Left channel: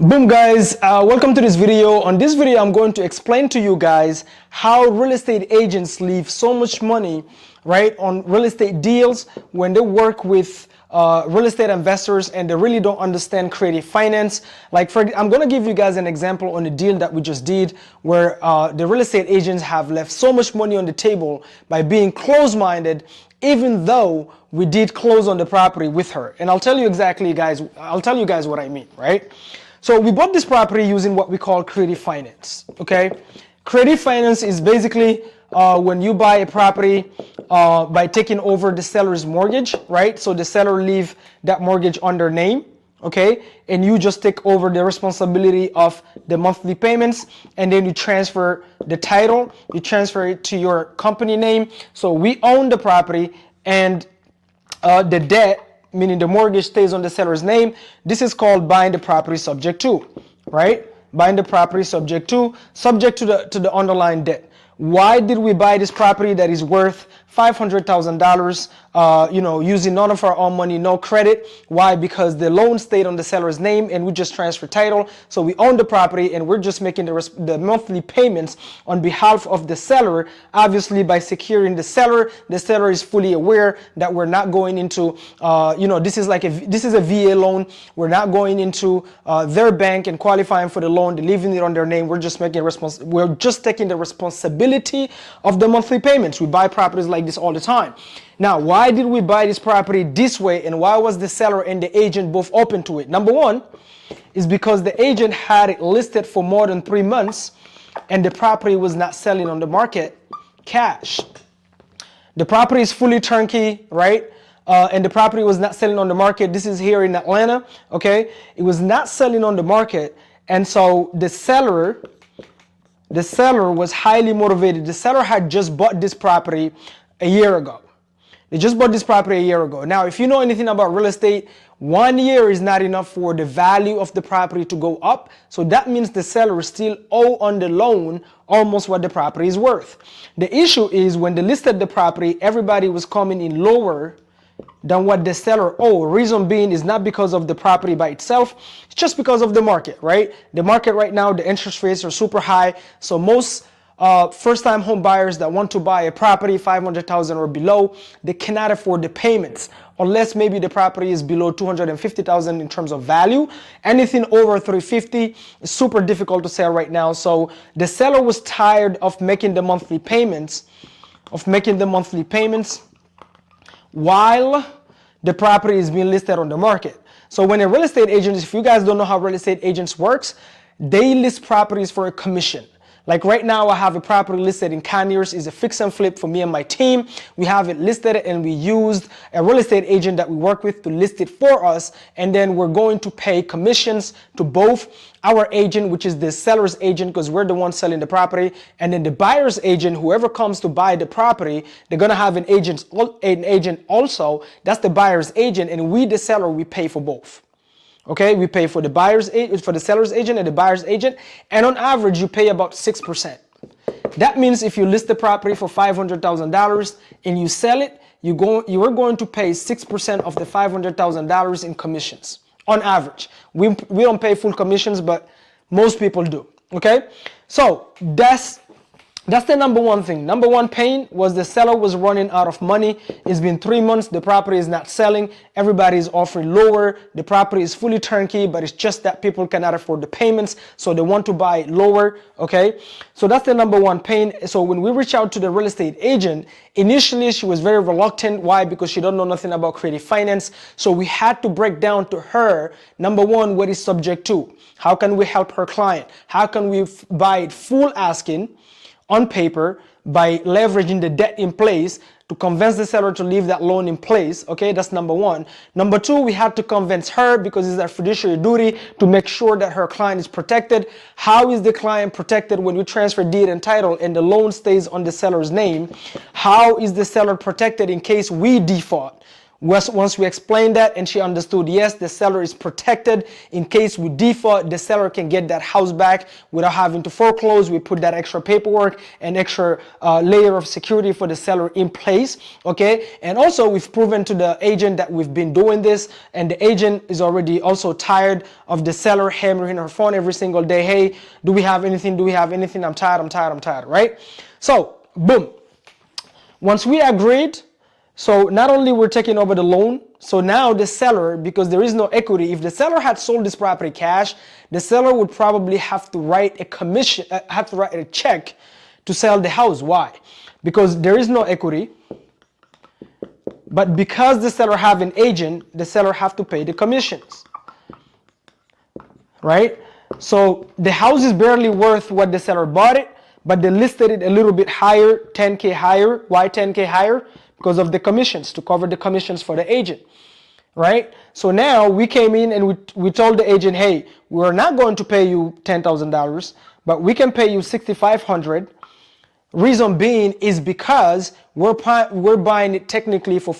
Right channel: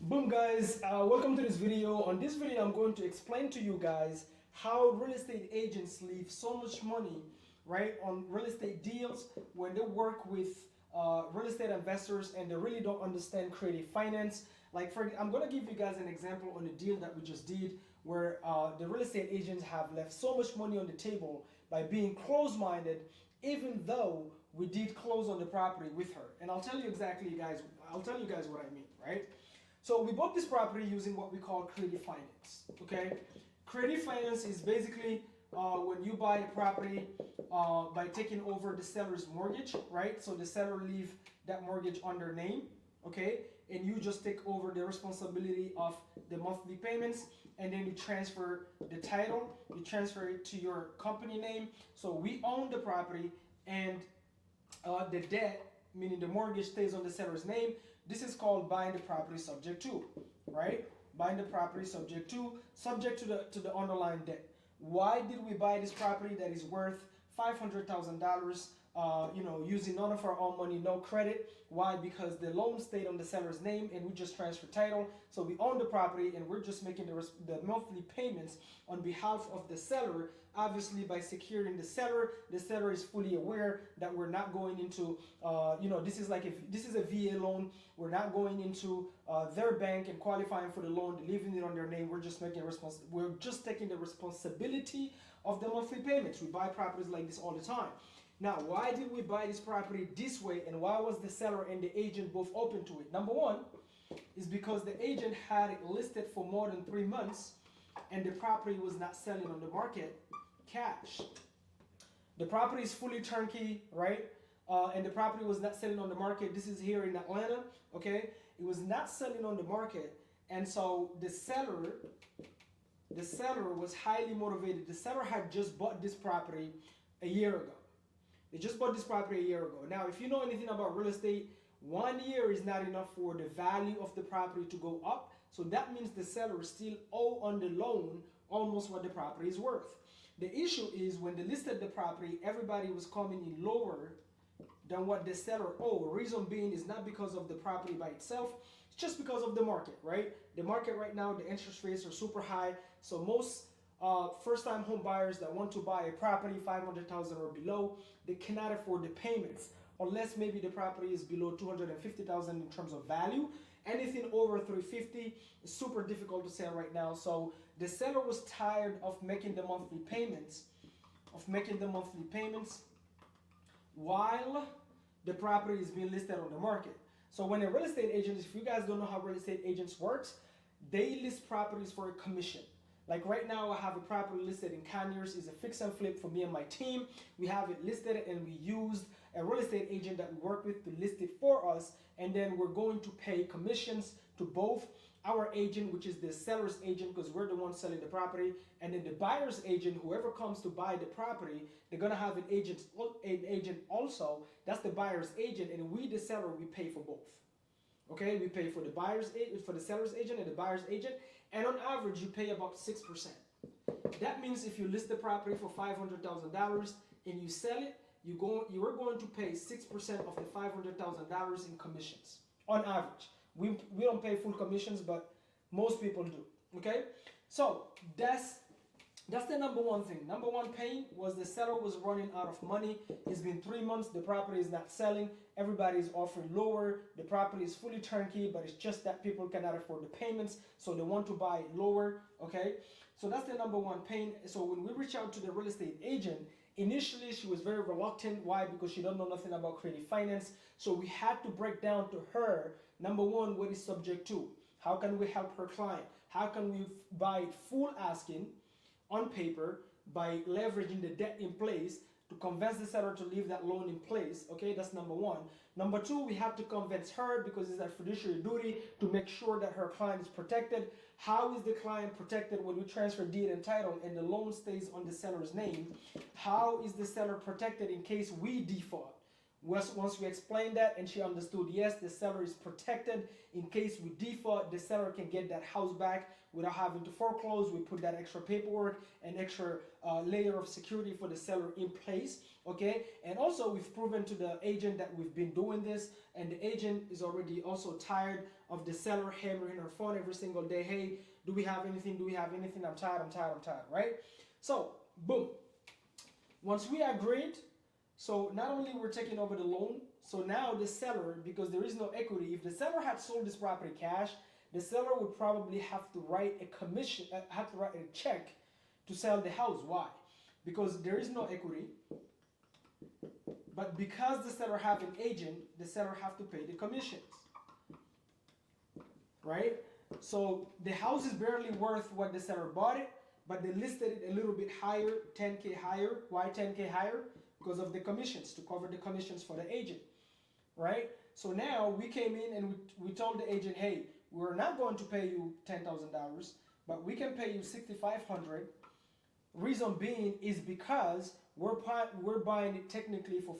Boom guys, welcome to this video. On this video, I'm going to explain to you guys how real estate agents leave so much money, right, on real estate deals when they work with real estate investors and they really don't understand creative finance. I'm going to give you guys an example on a deal that we just did where the real estate agents have left so much money on the table by being close-minded, even though we did close on the property with her. And I'll tell you guys what I mean, right? So we bought this property using what we call creative finance, okay? Creative finance is basically when you buy a property by taking over the seller's mortgage, right? So the seller leave that mortgage on their name, okay? And you just take over the responsibility of the monthly payments, and then you transfer the title, you transfer it to your company name. So we own the property, and the debt, meaning the mortgage, stays on the seller's name. This is called buying the property subject to, right? Buying the property subject to the underlying debt. Why did we buy this property that is worth $500,000, using none of our own money, no credit? Why? Because the loan stayed on the seller's name and we just transferred title. So we own the property and we're just making the monthly payments on behalf of the seller. Obviously, by securing the seller is fully aware that we're not going into, this is a VA loan. We're not going into their bank and qualifying for the loan, leaving it on their name. We're just taking the responsibility of the monthly payments. We buy properties like this all the time. Now, why did we buy this property this way, and why was the seller and the agent both open to it? Number one is because the agent had it listed for more than 3 months and the property was not selling on the market cash. The property is fully turnkey, right? And the property was not selling on the market. This is here in Atlanta, okay? It was not selling on the market, and so the seller was highly motivated. The seller had just bought this property a year ago. They just bought this property a year ago. Now, if you know anything about real estate, 1 year is not enough for the value of the property to go up. So that means the seller still owe on the loan almost what the property is worth. The issue is when they listed the property, everybody was coming in lower than what the seller owed. Reason being is not because of the property by itself, it's just because of the market, right? The market right now, the interest rates are super high. So most first-time home buyers that want to buy a property, $500,000 or below, they cannot afford the payments unless maybe the property is below $250,000 in terms of value. Anything over $350,000 is super difficult to sell right now. So the seller was tired of making the monthly payments, while the property is being listed on the market. So when a real estate agent, if you guys don't know how real estate agents works, they list properties for a commission. Like right now, I have a property listed in Conyers. It's a fix and flip for me and my team. We have it listed and we used a real estate agent that we work with to list it for us. And then we're going to pay commissions to both our agent, which is the seller's agent, because we're the ones selling the property, and then the buyer's agent, whoever comes to buy the property, they're gonna have an agent also. That's the buyer's agent, and we, the seller, we pay for both. Okay, we pay for the seller's agent and the buyer's agent, and on average, you pay about 6%. That means if you list the property for $500,000 and you sell it, you are going to pay 6% of the $500,000 in commissions on average. We don't pay full commissions, but most people do. Okay, so that's the number one thing. Number one pain was the seller was running out of money. It's been 3 months. The property is not selling. Everybody is offering lower. The property is fully turnkey, but it's just that people cannot afford the payments, so they want to buy it lower. Okay, so that's the number one pain. So when we reach out to the real estate agent, initially she was very reluctant. Why? Because she don't know nothing about creative finance. So we had to break down to her, number one, what is subject to. How can we help her client? How can we buy it full asking on paper by leveraging the debt in place to convince the seller to leave that loan in place? Okay, that's number one. Number two, we had to convince her, because it's our fiduciary duty to make sure that her client is protected. How is the client protected when we transfer deed and title and the loan stays on the seller's name? How is the seller protected in case we default? Once we explained that and she understood, yes, the seller is protected. In case we default, the seller can get that house back without having to foreclose. We put that extra paperwork and extra layer of security for the seller in place, okay? And also we've proven to the agent that we've been doing this, and the agent is already also tired of the seller hammering her phone every single day. Hey, do we have anything? Do we have anything? I'm tired, right? So, boom. Once we agreed, so not only we're taking over the loan, so now the seller, because there is no equity, if the seller had sold this property cash, the seller would probably have to write a check to sell the house. Why? Because there is no equity, but because the seller have an agent, the seller have to pay the commissions, right? So the house is barely worth what the seller bought it, but they listed it a little bit higher, 10K higher. Why 10K higher? Because of the commissions, to cover the commissions for the agent, right? So now we came in and we told the agent, hey, we're not going to pay you $10,000, but we can pay you $6,500. Reason being is because we're buying it technically for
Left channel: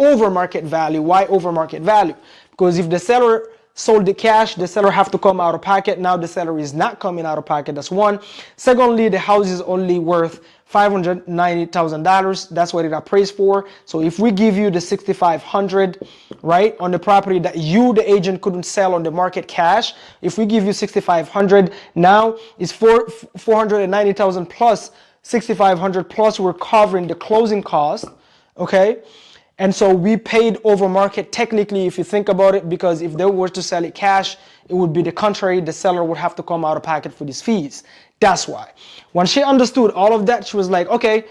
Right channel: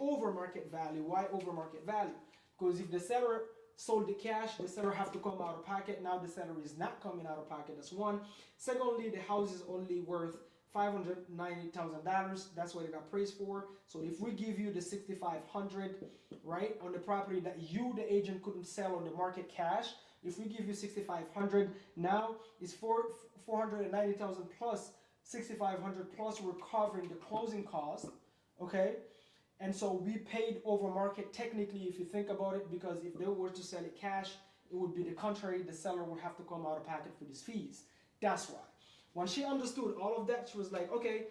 over market value. Why over market value? Because if the seller sold the cash, the seller have to come out of pocket. Now the seller is not coming out of pocket. That's one. Secondly, the house is only worth $590,000. That's what it appraised for. So if we give you the $6,500, right, on the property that you, the agent, couldn't sell on the market cash, if we give you $6,500, now it's $490,000 plus $6,500 plus we're covering the closing cost, okay? And so we paid over market technically, if you think about it, because if they were to sell it cash, it would be the contrary. The seller would have to come out of pocket for these fees. That's why. When she understood all of that, she was like, okay,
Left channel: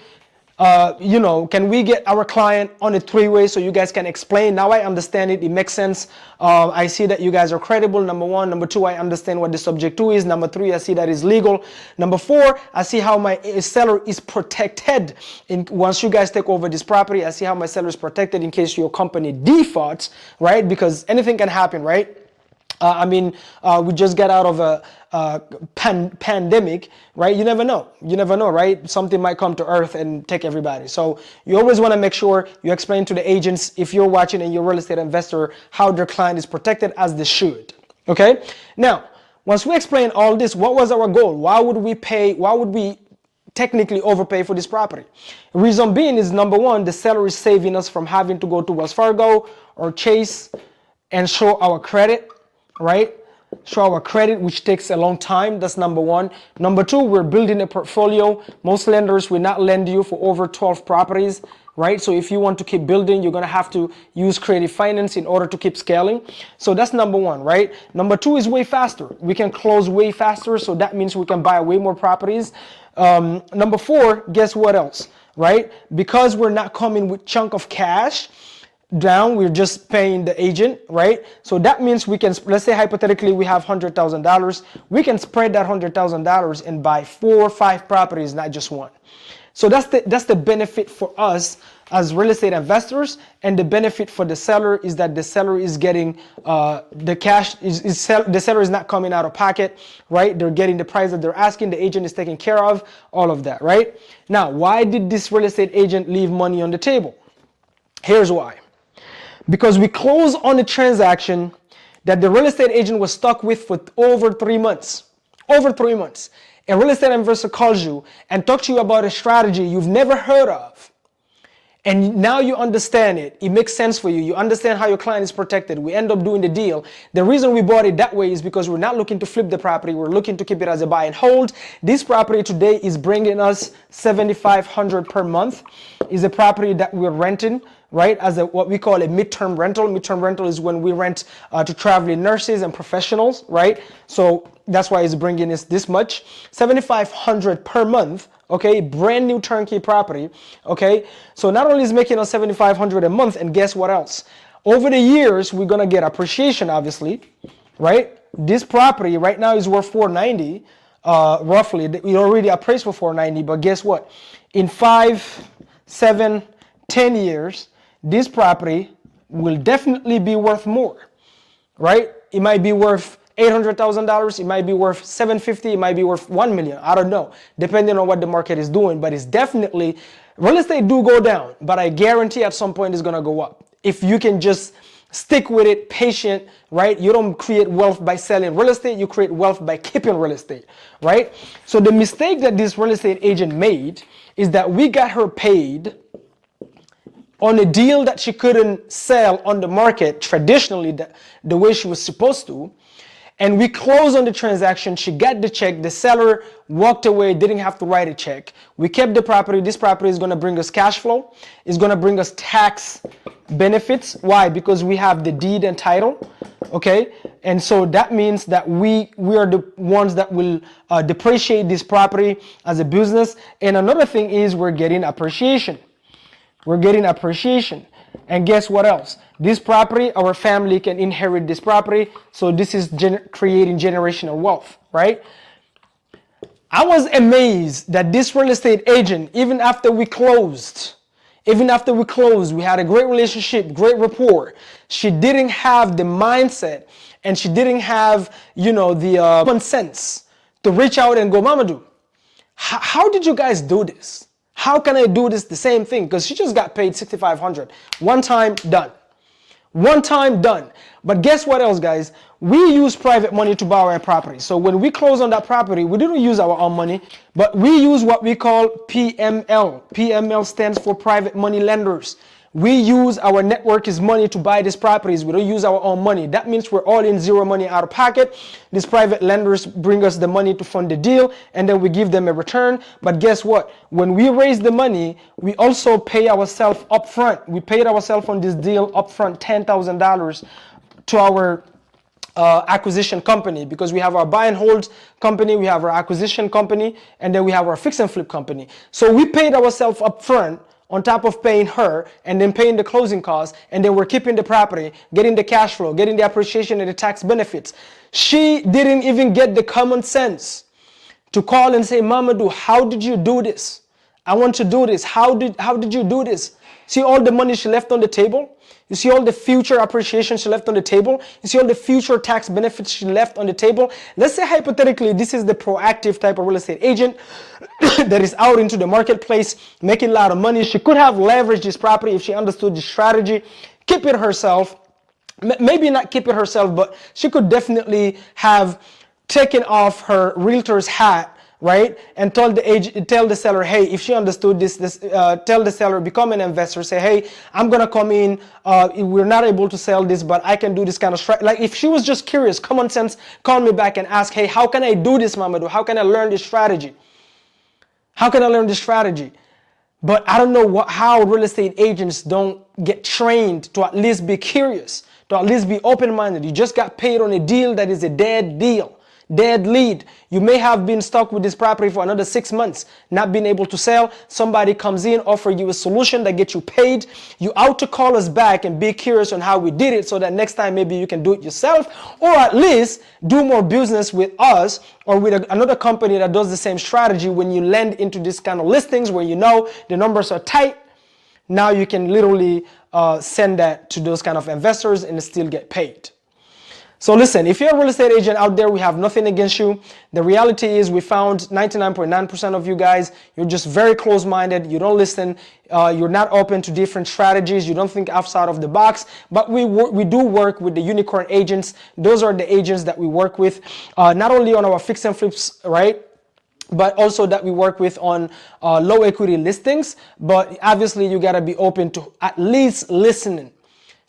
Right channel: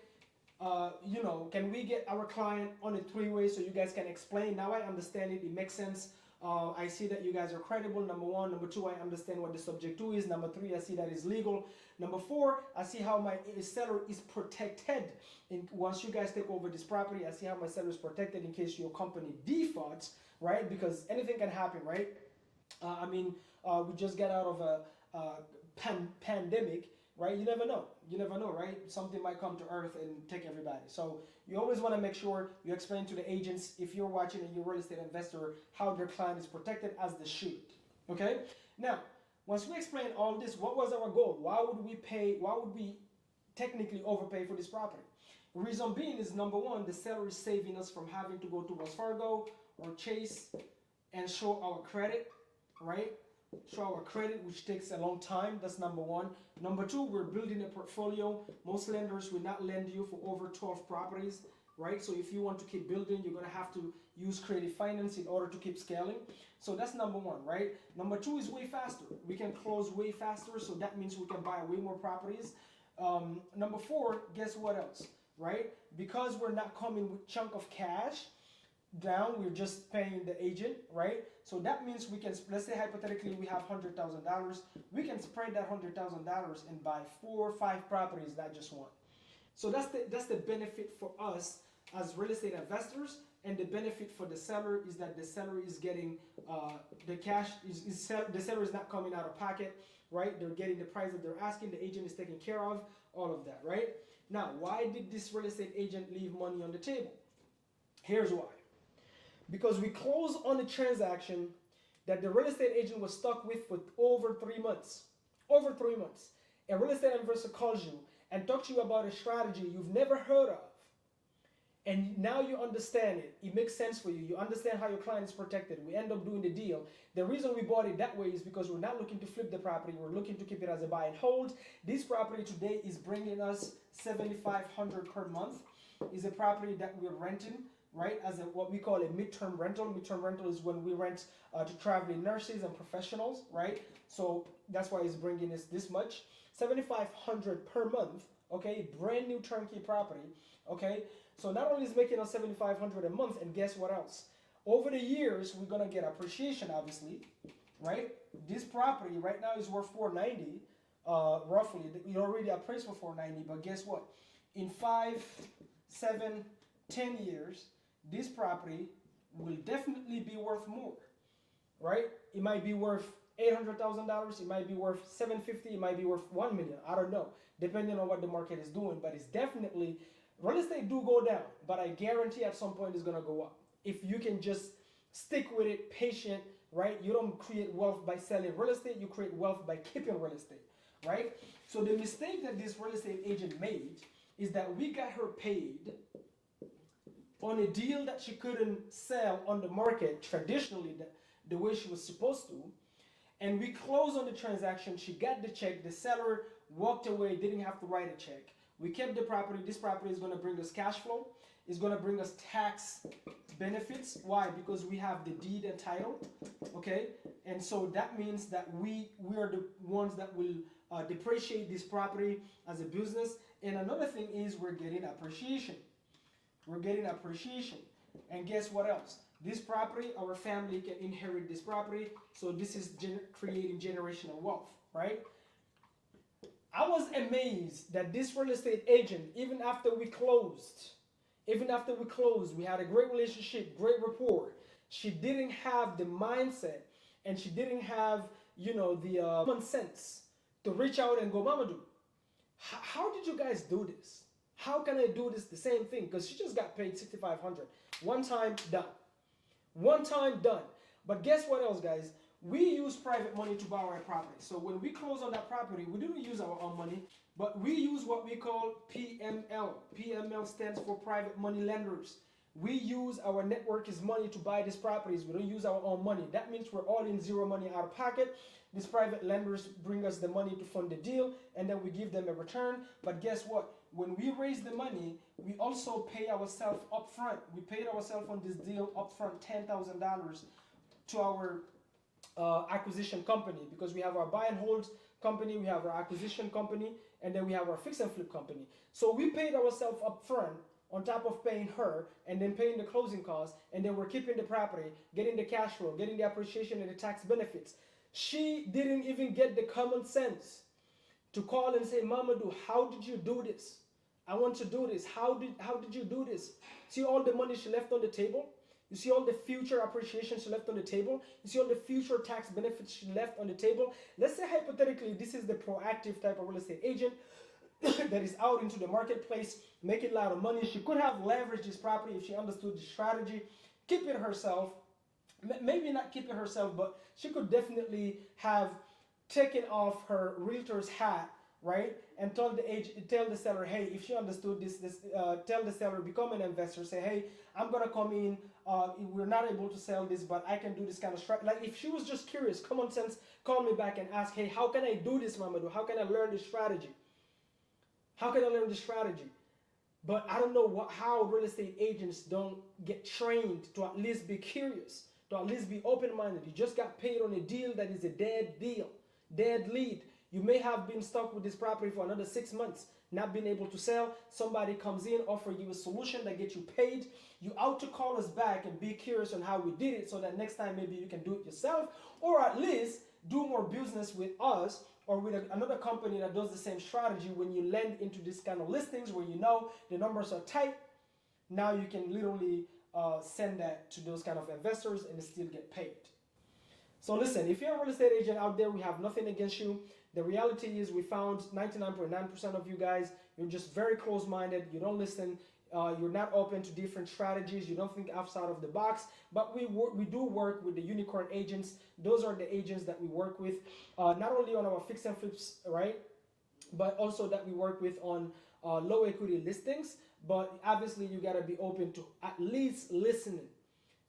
can we get our client on a three-way so you guys can explain? Now I understand it. It makes sense. I see that you guys are credible, number one. Number two, I understand what the subject to is. Number three, I see that it's legal. Number four, I see how my seller is protected. Once you guys take over this property, I see how my seller is protected in case your company defaults, right? Because anything can happen, right? We just got out of a pandemic, right? You never know, right? Something might come to earth and take everybody. So you always want to make sure you explain to the agents, if you're watching and you're a real estate investor, how their client is protected as they should, okay? Now, once we explain all this, what was our goal? Why would we technically overpay for this property? Reason being is, number one, the seller is saving us from having to go to Wells Fargo or Chase and show our credit, right? Show our credit, which takes a long time. That's number one. Number two, we're building a portfolio. Most lenders will not lend you for over 12 properties, right? So if you want to keep building, you're gonna have to use creative finance in order to keep scaling. So that's number one, right? Number two is way faster. We can close way faster, so that means we can buy way more properties. Number four, guess what else, right? Because we're not coming with chunk of cash down, we're just paying the agent, right? So that means we can, let's say hypothetically we have $100,000, we can spread that $100,000 and buy 4 or 5 properties, not just one. So that's the benefit for us as real estate investors, and the benefit for the seller is that the seller is getting the cash, the seller is not coming out of pocket, right? They're getting the price that they're asking, the agent is taking care of, all of that, right? Now, why did this real estate agent leave money on the table? Here's why. Because we closed on a transaction that the real estate agent was stuck with for over 3 months. Over 3 months. A real estate investor calls you and talks to you about a strategy you've never heard of. And now you understand it. It makes sense for you. You understand how your client is protected. We end up doing the deal. The reason we bought it that way is because we're not looking to flip the property. We're looking to keep it as a buy and hold. This property today is bringing us $7,500 per month. It's a property that we're renting, right, as what we call a midterm rental. Midterm rental is when we rent to traveling nurses and professionals, right? So that's why it's bringing us this much. $7,500 per month, okay? Brand new turnkey property, okay? So not only is making us $7,500 a month, and guess what else? Over the years, we're gonna get appreciation, obviously, right? This property right now is worth $490, roughly. It already appraised for $490, but guess what? In 5, 7, 10 years, this property will definitely be worth more, right? It might be worth $800,000, it might be worth $750,000, it might be worth $1 million. I don't know, depending on what the market is doing. But it's definitely, real estate do go down, but I guarantee at some point it's gonna go up. if you can just stick with it, patient, right? You don't create wealth by selling real estate, you create wealth by keeping real estate, right? So the mistake that this real estate agent made is that we got her paid on a deal that she couldn't sell on the market traditionally the way she was supposed to. And we closed on the transaction. She got the check. The seller walked away, didn't have to write a check. We kept the property. This property is going to bring us cash flow. It's going to bring us tax benefits. Why? Because we have the deed and title. Okay? And so that means that we are the ones that will depreciate this property as a business. And another thing is we're getting appreciation. We're getting appreciation. And guess what else? This property, our family can inherit this property. So this is creating generational wealth, right? I was amazed that this real estate agent, even after we closed, we had a great relationship, great rapport. She didn't have the mindset and she didn't have, the common sense to reach out and go, Mamadou, how did you guys do this? How can I do this the same thing? Because she just got paid $6,500. One time, done. One time, done. But guess what else, guys? We use private money to buy our property. So when we close on that property, we didn't use our own money, but we use what we call PML. PML stands for private money lenders. We use our network's money to buy these properties. We don't use our own money. That means we're all in zero money out of pocket. These private lenders bring us the money to fund the deal, and then we give them a return. But guess what? When we raise the money, we also pay ourselves up front. We paid ourselves on this deal up front $10,000 to our acquisition company, because we have our buy and hold company, we have our acquisition company, and then we have our fix and flip company. So we paid ourselves up front on top of paying her and then paying the closing costs, and then we're keeping the property, getting the cash flow, getting the appreciation and the tax benefits. She didn't even get the common sense to call and say, Mamadou, how did you do this? I want to do this. How did you do this? See all the money she left on the table? You see all the future appreciation she left on the table? You see all the future tax benefits she left on the table? Let's say hypothetically this is the proactive type of real estate agent that is out into the marketplace making a lot of money. She could have leveraged this property if she understood the strategy, keep it herself, maybe not keep it herself, but she could definitely have taken off her realtor's hat, right? And tell the seller, hey, if she understood this, tell the seller, become an investor, say, hey, I'm gonna come in, we're not able to sell this, but I can do this kind of strategy. Like if she was just curious, common sense, call me back and ask, hey, how can I do this, Mamadou? How can I learn this strategy? How can I learn this strategy? But I don't know how real estate agents don't get trained to at least be curious, to at least be open-minded. You just got paid on a deal that is a dead deal. Dead lead. You may have been stuck with this property for another 6 months, not being able to sell. Somebody comes in, offer you a solution that gets you paid. You out to call us back and be curious on how we did it, so that next time maybe you can do it yourself, or at least do more business with us or with another company that does the same strategy. When you lend into this kind of listings where you know the numbers are tight, now you can literally send that to those kind of investors and still get paid. So listen, if you're a real estate agent out there, we have nothing against you. The reality is we found 99.9% of you guys, you're just very close-minded. You don't listen. You're not open to different strategies. You don't think outside of the box. But we do work with the unicorn agents. Those are the agents that we work with, not only on our fix and flips, right? But also that we work with on low equity listings. But obviously you gotta be open to at least listening.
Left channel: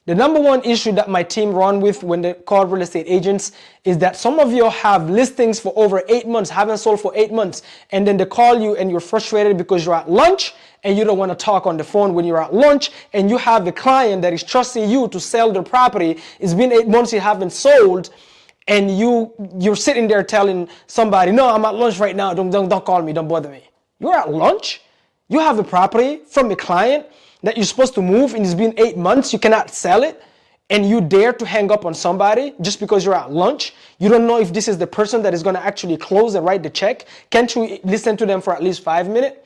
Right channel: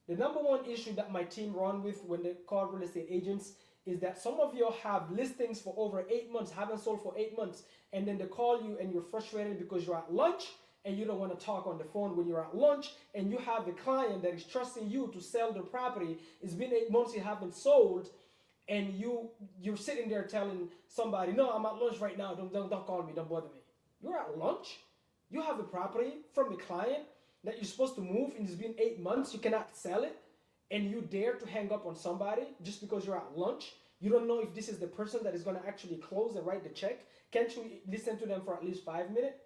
The number one issue that my team run with when they call real estate agents is that some of you have listings for over 8 months, haven't sold for 8 months, and then they call you and you're frustrated because you're at lunch and you don't want to talk on the phone when you're at lunch, and you have a client that is trusting you to sell their property. It's been 8 months you haven't sold, and you're sitting there telling somebody, no, I'm at lunch right now, don't call me, don't bother me. You're at lunch? You have a property from a client that you're supposed to move, and it's been 8 months, you cannot sell it, and you dare to hang up on somebody just because you're at lunch? You don't know if this is the person that is going to actually close and write the check. Can't you listen to them for at least 5 minutes?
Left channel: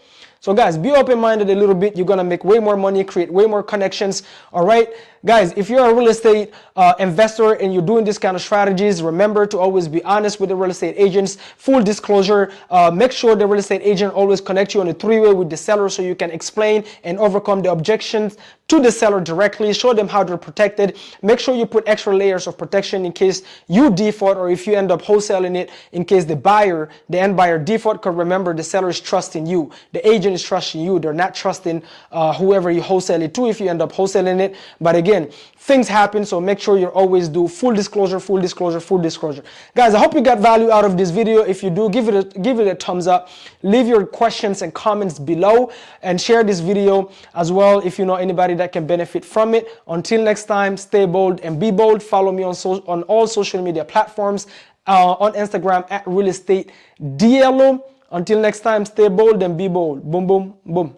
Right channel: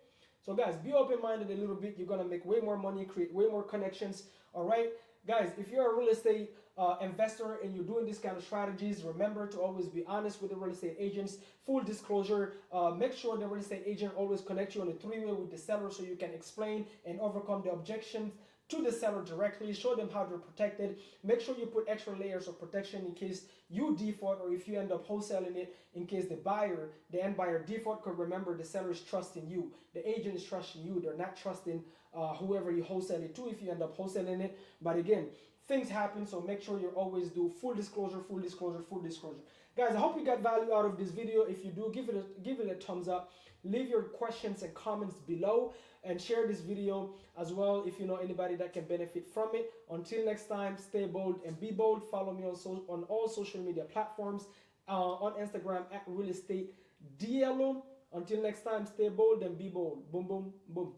So guys, be open-minded a little bit. You're going to make way more money, create way more connections, all right? Guys, if you're a real estate investor and you're doing this kind of strategies, remember to always be honest with the real estate agents. Full disclosure. Make sure the real estate agent always connect you on a three-way with the seller so you can explain and overcome the objections to the seller directly. Show them how they're protected. Make sure you put extra layers of protection in case you default or if you end up wholesaling it in case the end buyer default. Because remember, the seller is trusting you. The agent is trusting you. They're not trusting whoever you wholesale it to if you end up wholesaling it. But again, things happen, so make sure you always do full disclosure, full disclosure, full disclosure. Guys, I hope you got value out of this video. If you do, give it a thumbs up. Leave your questions and comments below and share this video as well if you know anybody that can benefit from it. Until next time, stay bold and be bold. Follow me on all social media platforms, on Instagram at Real Estate DLO. Until next time, stay bold and be bold. Boom, boom, boom.